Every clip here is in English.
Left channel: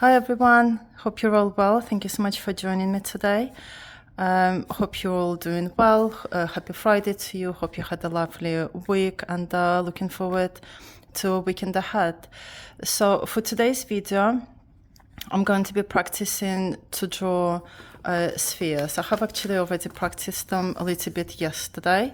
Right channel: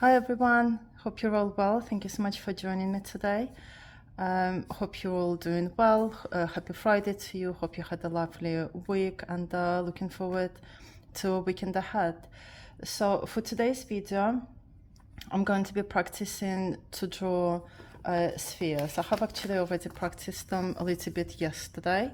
Hi everyone, hope you're all well. Thank you so much for joining me today. Hope you're all doing well. Happy Friday to you. Hope you had a lovely week and looking forward to a weekend ahead. So for today's video, I'm going to be practicing to draw spheres. I have actually already practiced them a little bit yesterday.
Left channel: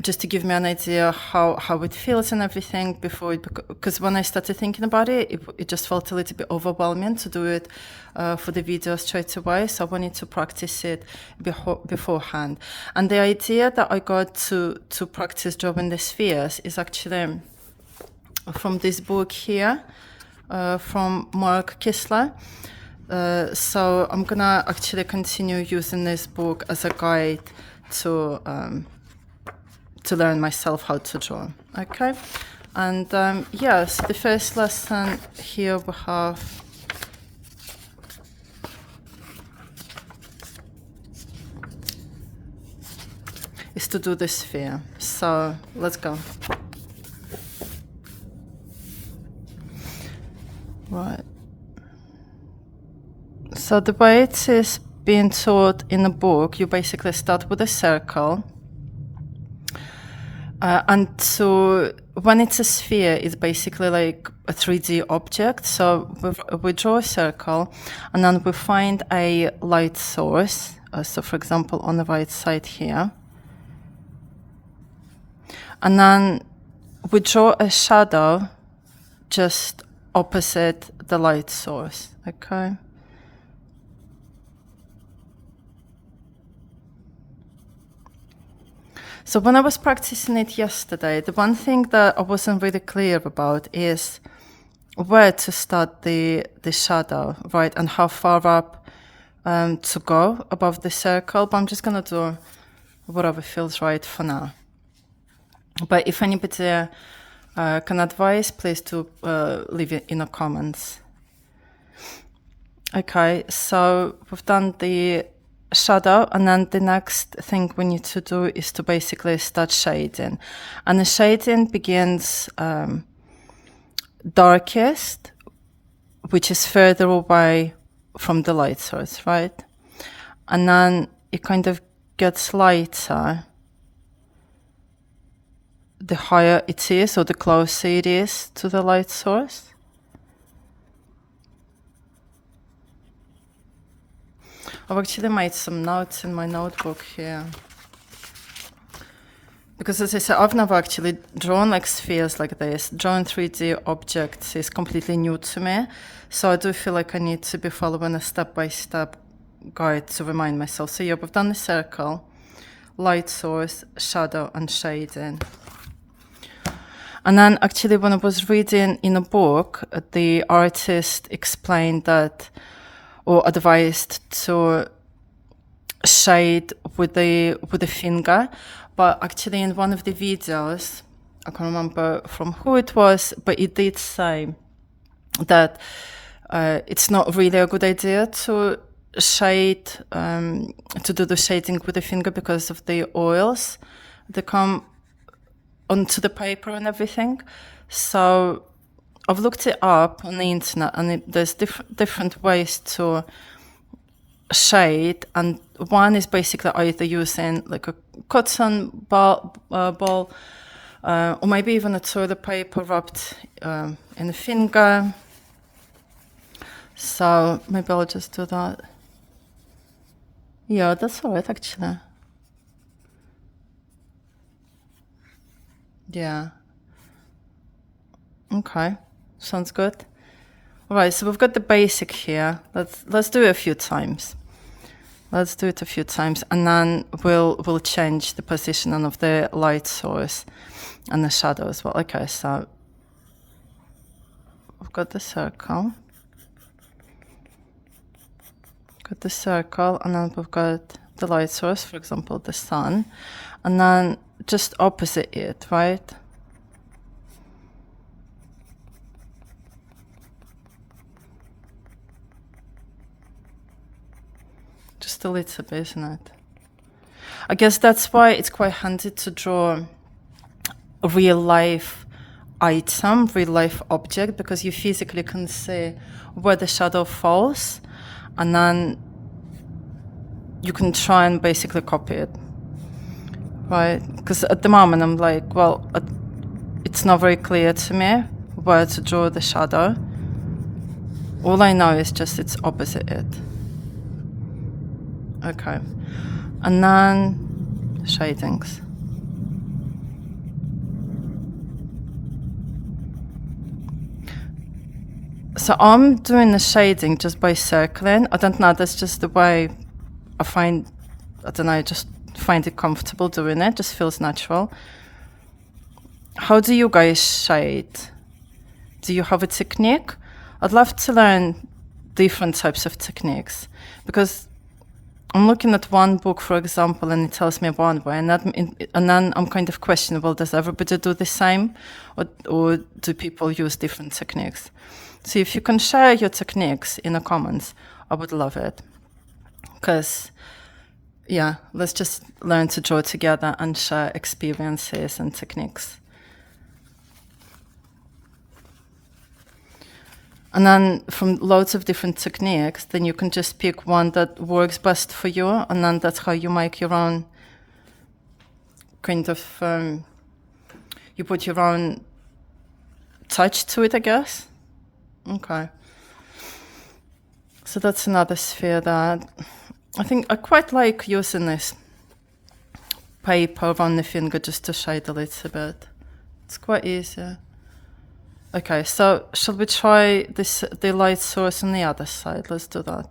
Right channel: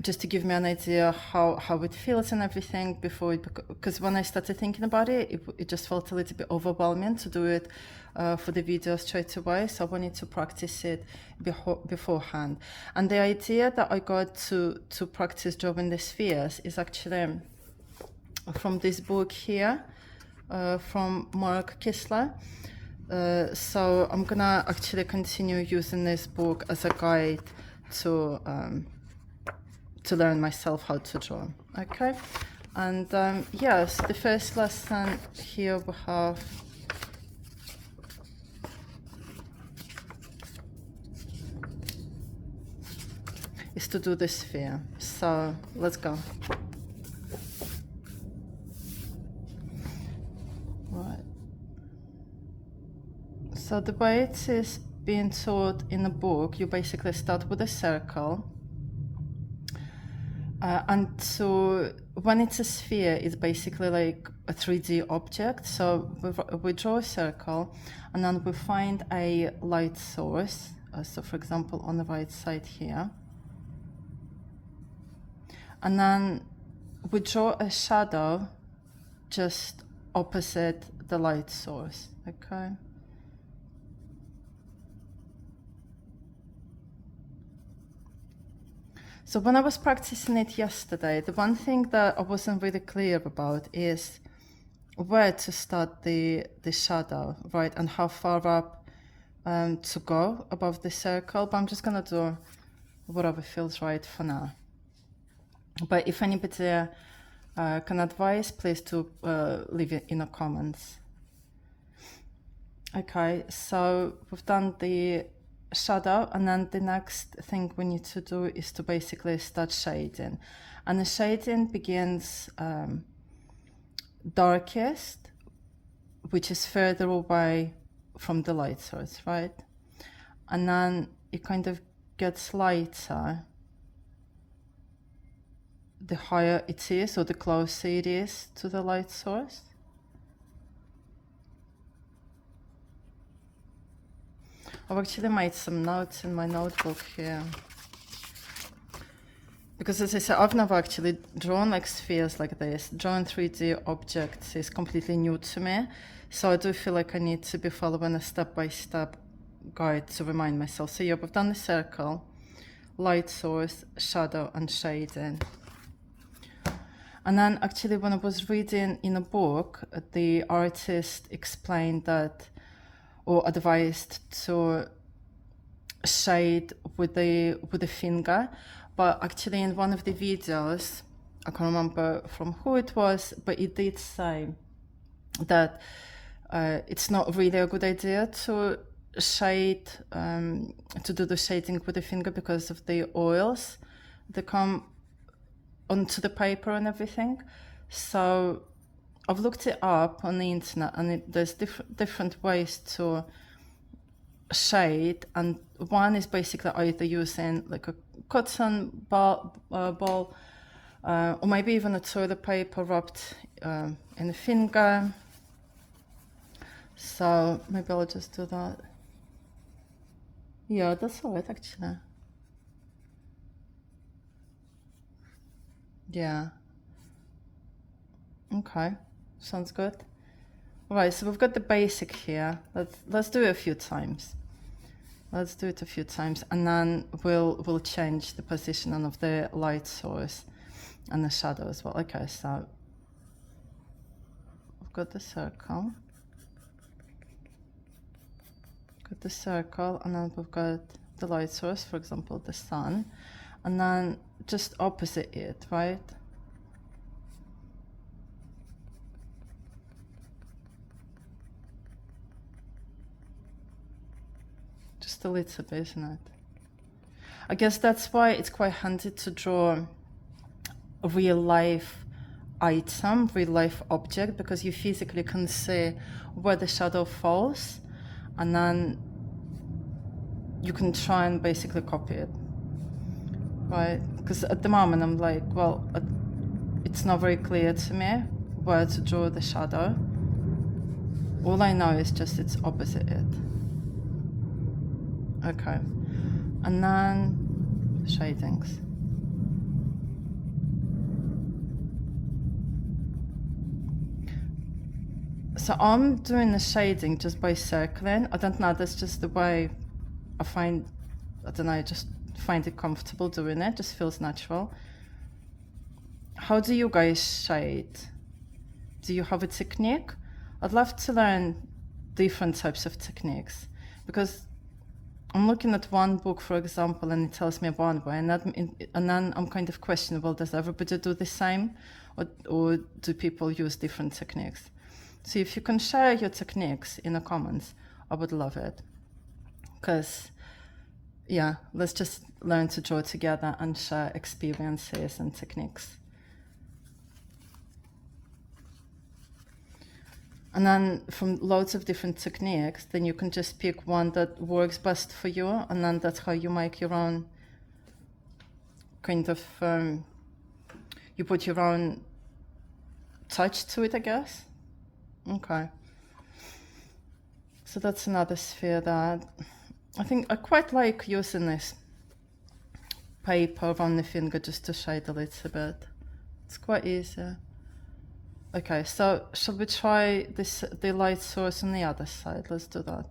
Just to give me an idea how it feels and everything before it, because when I started thinking about it, it just felt a little bit overwhelming to do it for the video straight away. So I wanted to practice it beforehand. And the idea that I got to practice drawing the spheres is actually from this book here, from Mark Kistler. So I'm gonna actually continue using this book as a guide to learn myself how to draw. Okay, and yeah, so the first lesson here we have is to do the sphere. So let's go. Right. So the way it is being taught in the book, you basically start with a circle. And so when it's a sphere, it's basically like a 3D object. So we draw a circle and then we find a light source. So for example, on the right side here. And then we draw a shadow just opposite the light source, okay? So when I was practicing it yesterday, the one thing that I wasn't really clear about is where to start the shadow, right? And how far up to go above the circle. But I'm just going to do whatever feels right for now. But if anybody can advise, please do leave it in the comments. Okay, so we've done the shadow, and then the next thing we need to do is to basically start shading. And the shading begins darkest, which is further away from the light source, right? And then it kind of gets lighter the higher it is, or the closer it is to the light source. I've actually made some notes in my notebook here. Because as I said, I've never actually drawn like spheres like this. Drawing 3D objects is completely new to me. So I do feel like I need to be following a step-by-step guide to remind myself. So yeah, we've done the circle, light source, shadow, and shading. And then actually when I was reading in a book, the artist explained that, or advised to shade with the finger. But actually in one of the videos, I can't remember from who it was, but it did say that it's not really a good idea to shade, to do the shading with the finger because of the oils that come onto the paper and everything. So I've looked it up on the internet, and there's different ways to shade, and one is basically either using like a cotton ball, or maybe even a toilet paper wrapped in the finger. So maybe I'll just do that. Yeah, that's all right actually. Yeah. Okay, sounds good. All right, so we've got the basic here. Let's do it a few times. Let's do it a few times, and then we'll change the positioning of the light source and the shadow as well. Okay, so we've got the circle. Got the circle, and then we've got the light source, for example, the sun, and then just opposite it, right? Just a little bit, isn't it? I guess that's why it's quite handy to draw real life item, real life object, because you physically can see where the shadow falls, and then you can try and basically copy it, right? Because at the moment I'm like, well, it's not very clear to me where to draw the shadow. All I know is just it's opposite it. Okay. And then shadings. So I'm doing the shading just by circling. I don't know, that's just the way I find, I don't know, I just find it comfortable doing it. Just feels natural. How do you guys shade? Do you have a technique? I'd love to learn different types of techniques, because I'm looking at one book, for example, and it tells me one way, and then I'm kind of questioning, well, does everybody do the same, or do people use different techniques? So if you can share your techniques in the comments, I would love it. Because, yeah, let's just learn to draw together and share experiences and techniques. And then from loads of different techniques, then you can just pick one that works best for you, and then that's how you make your own kind of, you put your own touch to it, I guess. Okay. So that's another sphere that I think I quite like using this paper on the finger just to shade a little bit. It's quite easy. Okay, so shall we try the light source on the other side? Let's do that.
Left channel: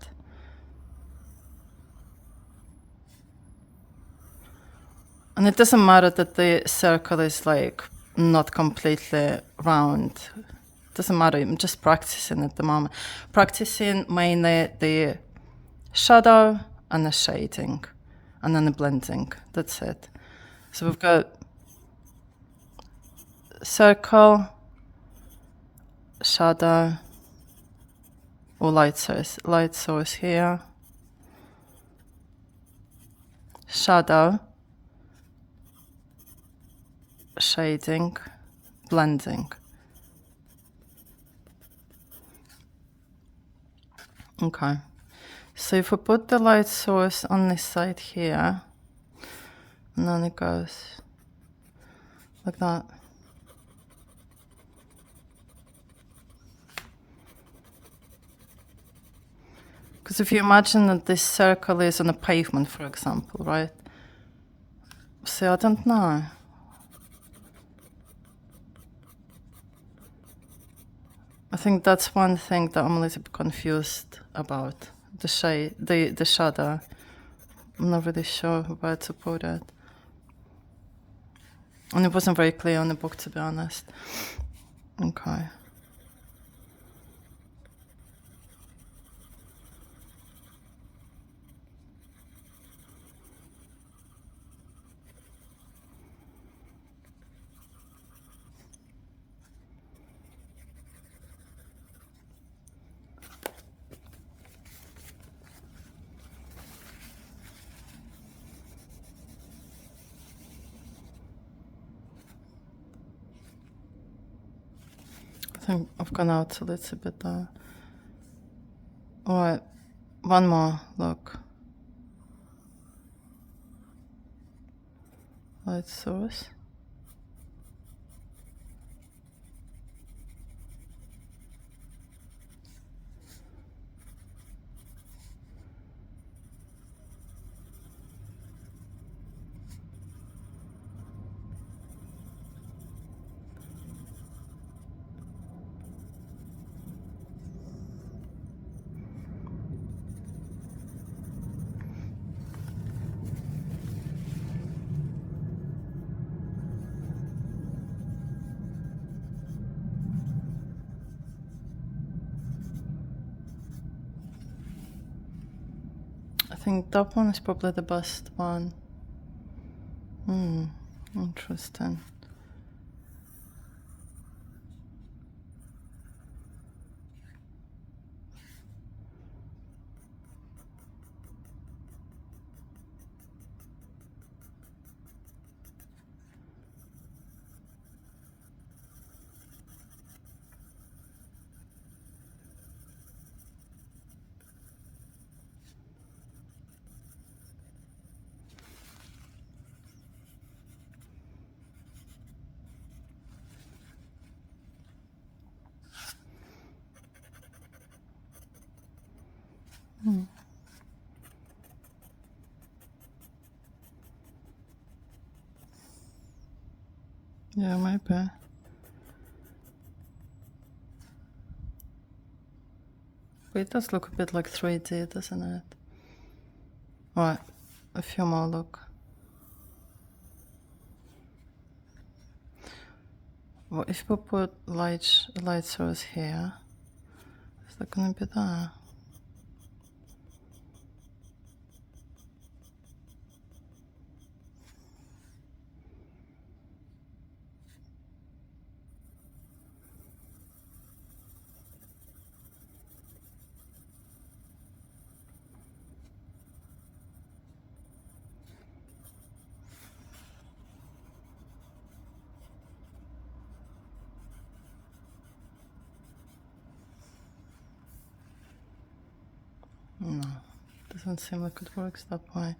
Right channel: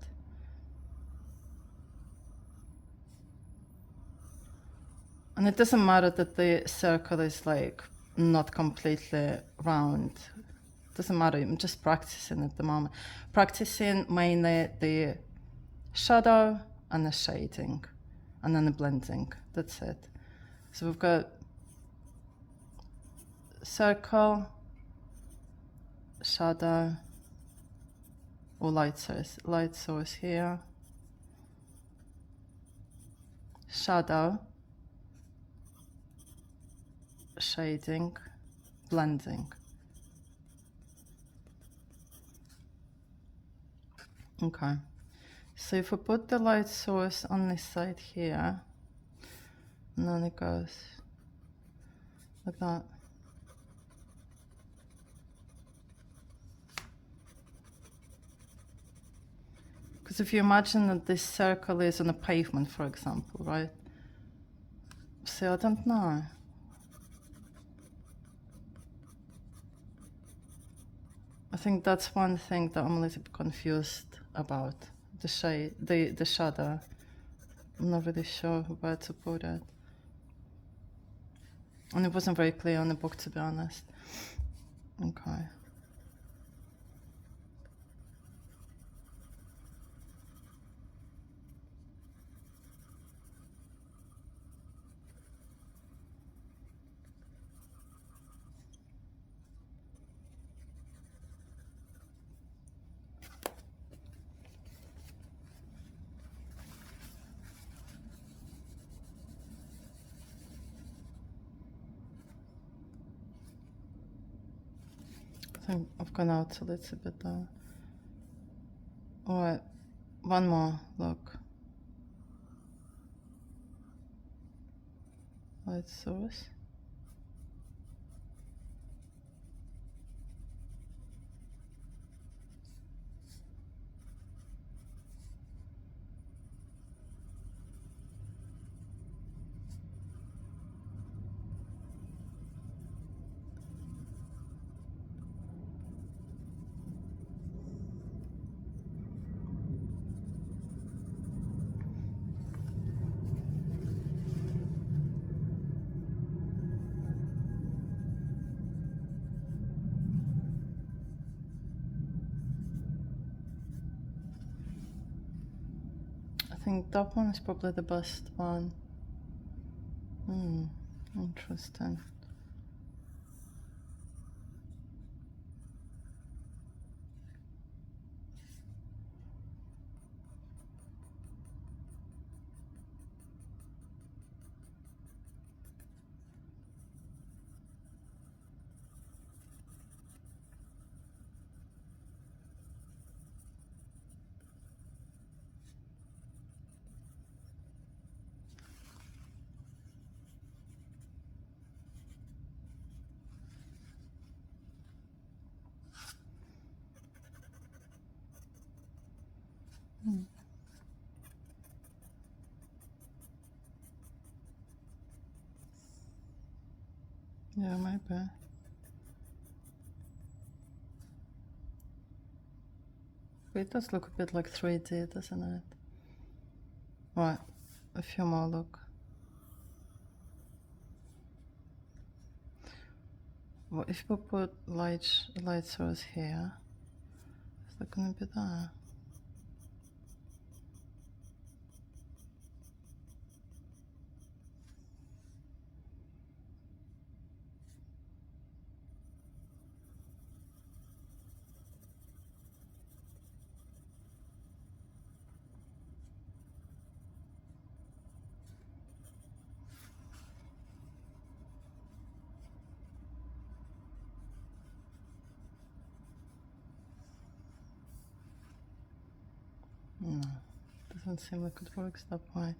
And it doesn't matter that the circle is like not completely round. It doesn't matter, I'm just practicing at the moment. Practicing mainly the shadow and the shading, and then the blending, that's it. So we've got circle, shadow, or light source here, shadow, shading, blending. Okay, so if we put the light source on this side here, and then it goes like that. Because if you imagine that this circle is on a pavement, for example, right? See, I don't know. I think that's one thing that I'm a little bit confused about. The shade, the shadow. I'm not really sure where to put it. And it wasn't very clear on the book, to be honest. Okay. I think I've gone out a little bit there. Alright, one more, look. Light source. I think that one is probably the best one. Interesting. Yeah, maybe. But it does look a bit like 3D, doesn't it? Right, a few more, look. Well, if we put light source here, is that gonna be there? No, doesn't seem like it works that way.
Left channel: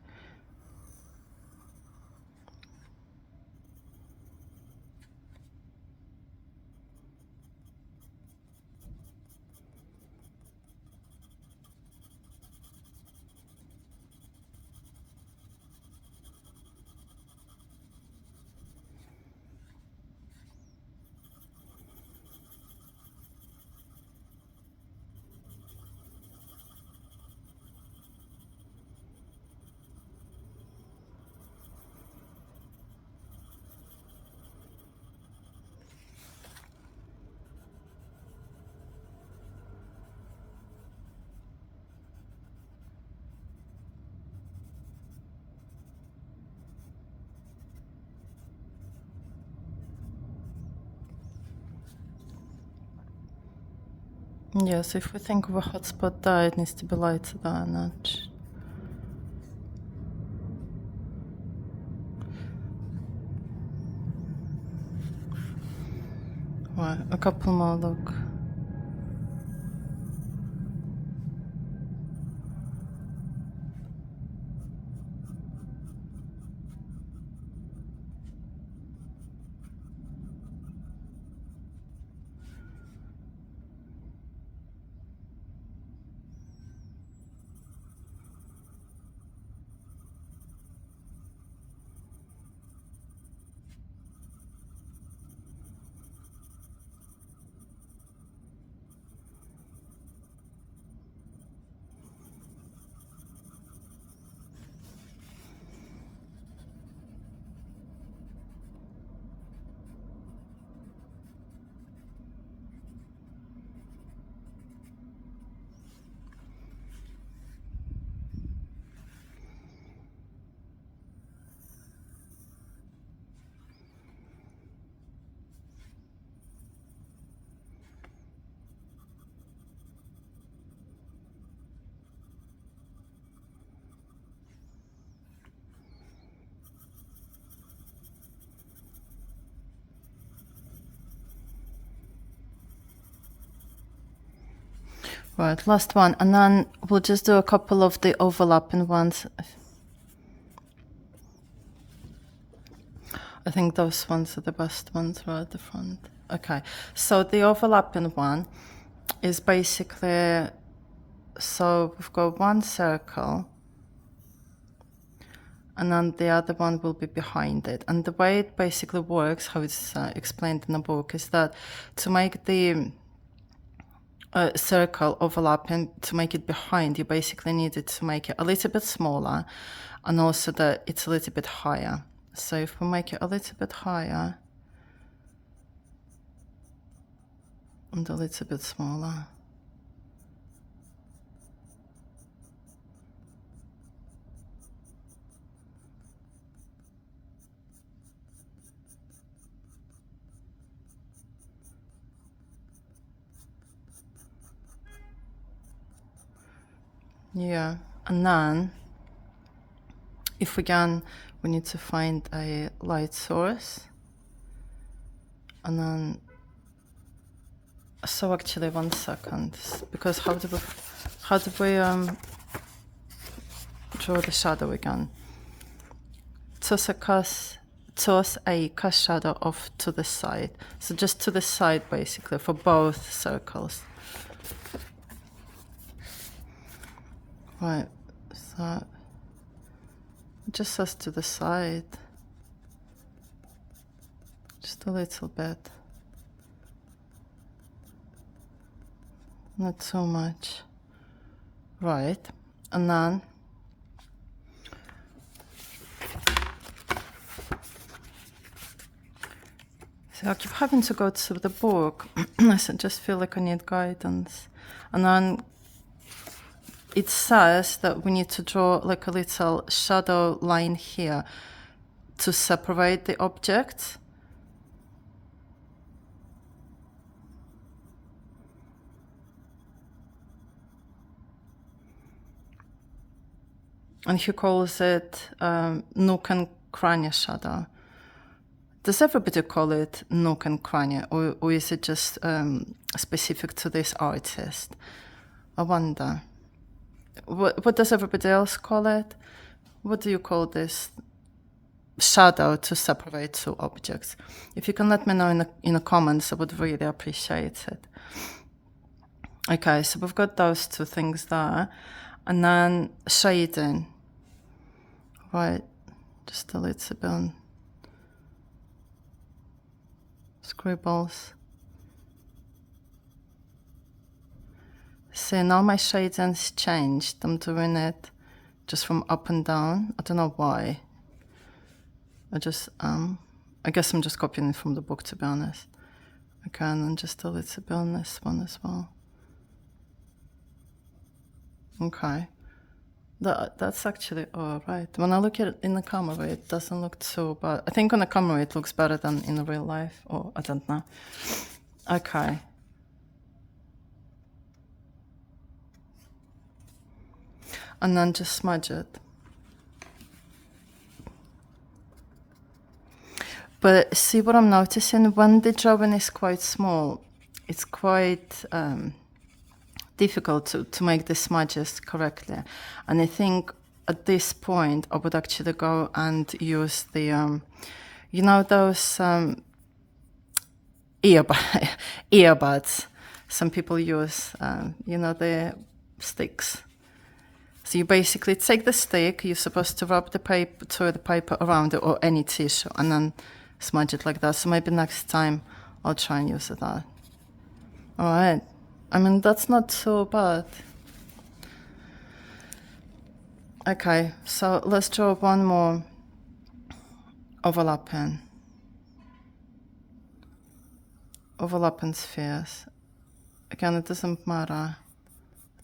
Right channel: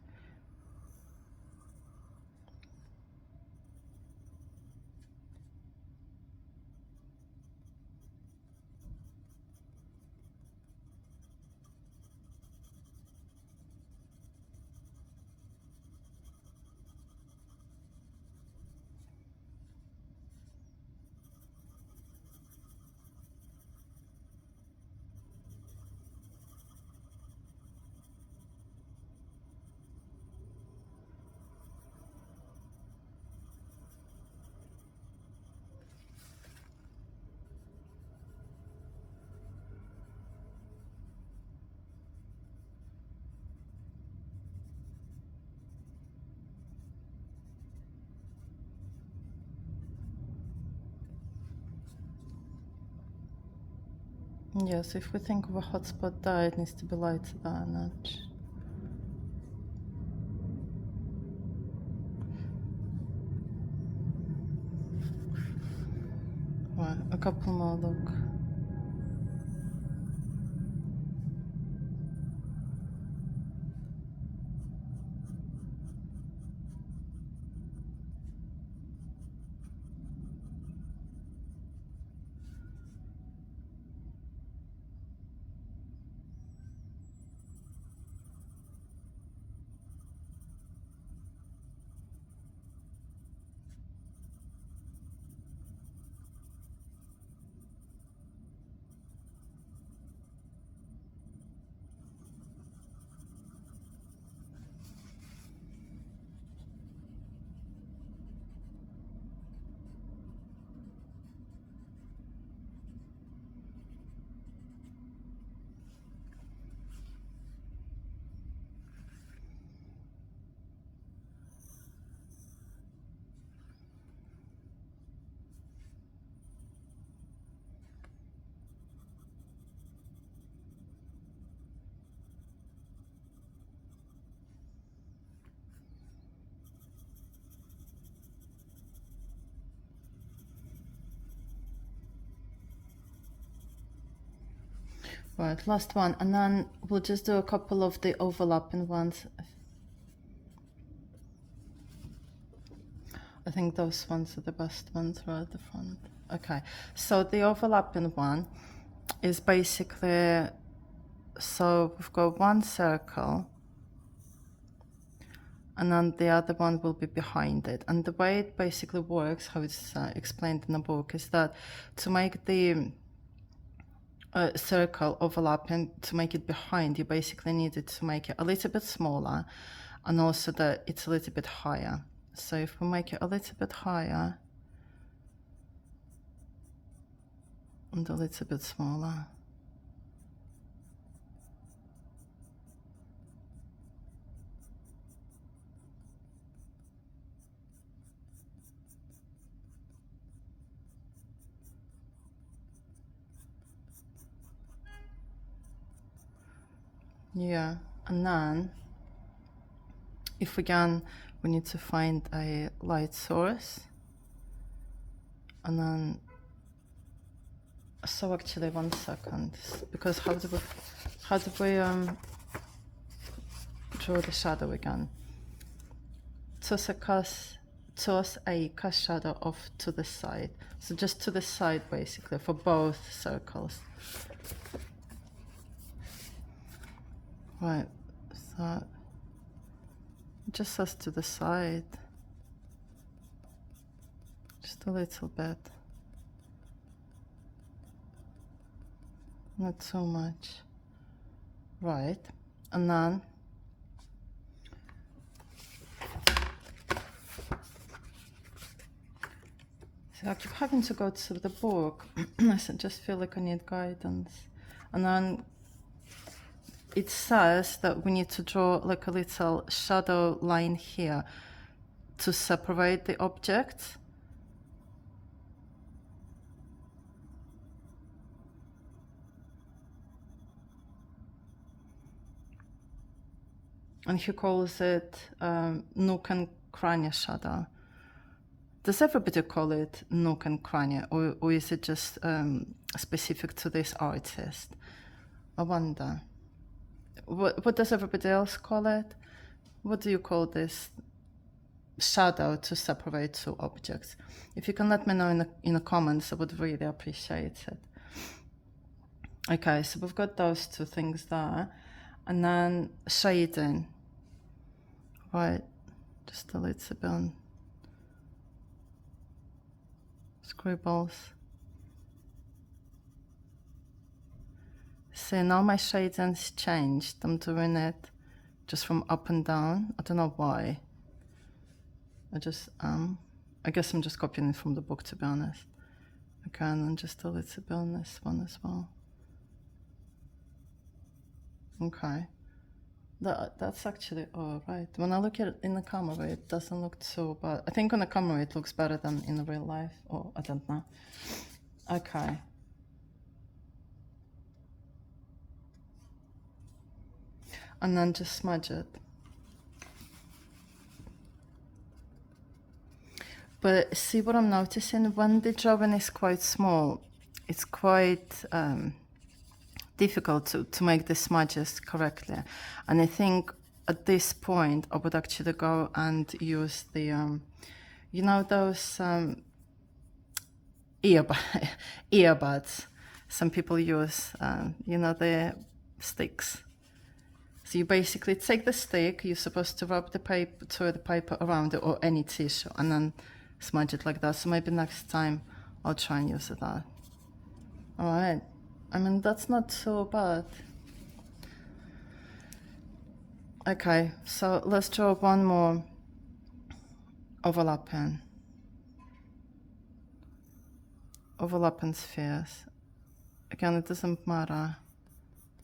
Yes, if we think of a hotspot there, it needs to be lighter there a notch. Right, a couple more, look. Right, last one, and then we'll just do a couple of the overlapping ones. I think those ones are the best ones right at the front. Okay, so the overlapping one is basically, so we've got one circle and then the other one will be behind it. And the way it basically works, how it's explained in the book, is that to make the circle overlapping, to make it behind, you basically needed to make it a little bit smaller and also that it's a little bit higher. So if we make it a little bit higher and a little bit smaller. Yeah, and then if we need to find a light source, and then, so actually 1 second, because how do we draw the shadow again? Toss a cast shadow off to the side, so just to the side basically for both circles. Right, so just us to the side, just a little bit, not so much. Right, and then so I keep having to go to the book. I just feel like I need guidance. And then it says that we need to draw like a little shadow line here to separate the objects. And he calls it nook and cranny shadow. Does everybody call it nook and cranny, or is it just specific to this artist? I wonder. What does everybody else call it? What do you call this shadow to separate two objects? If you can let me know in the comments, I would really appreciate it. Okay, so we've got those two things there. And then shading. Right, just a little bit on scribbles. See, now my shading's changed. I'm doing it just from up and down. I don't know why. I guess I'm just copying it from the book, to be honest. Okay, and then just a little bit on this one as well. Okay. That's actually all right. When I look at it in the camera, it doesn't look so bad. I think on the camera it looks better than in real life, or I don't know. Okay. And then just smudge it. But see what I'm noticing? When the drawing is quite small, it's quite difficult to make the smudges correctly. And I think at this point, I would actually go and use the, you know, those earbuds some people use, you know, the sticks. So you basically take the stick, you're supposed to rub the paper, toilet paper around it, or any tissue, and then smudge it like that. So maybe next time I'll try and use that. All right. I mean, that's not so bad. Okay, so let's draw one more overlapping spheres. Again, it doesn't matter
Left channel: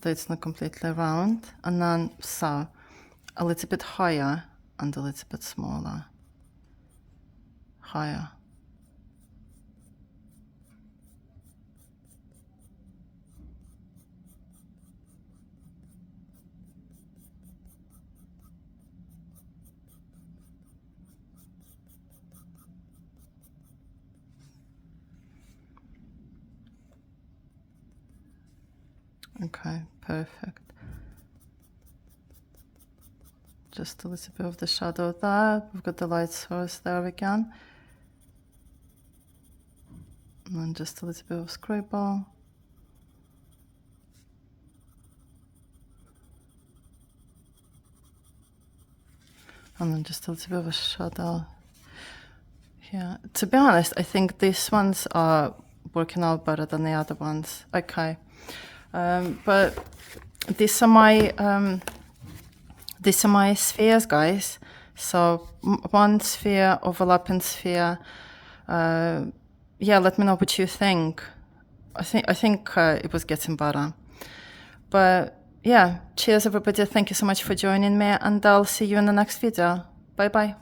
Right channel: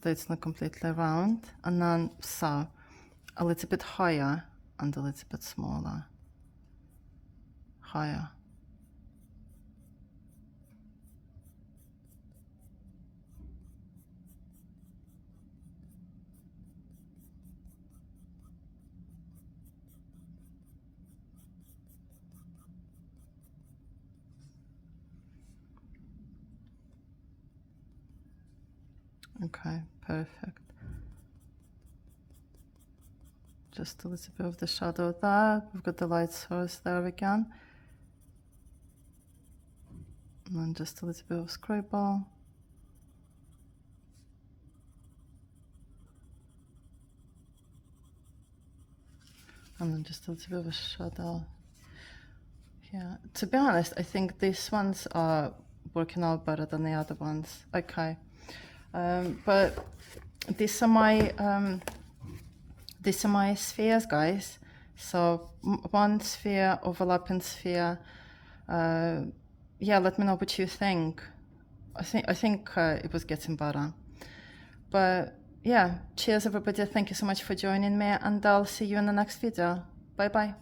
that it's not completely round. And then, so, a little bit higher and a little bit smaller. Higher. Okay, perfect. Just a little bit of the shadow there. We've got the light source there again. And then just a little bit of scribble. And then just a little bit of a shadow here. To be honest, I think these ones are working out better than the other ones. Okay. But these are my spheres, guys. So one sphere, overlapping sphere. Yeah, let me know what you think. I think it was getting better. But yeah, cheers everybody. Thank you so much for joining me, and I'll see you in the next video. Bye bye.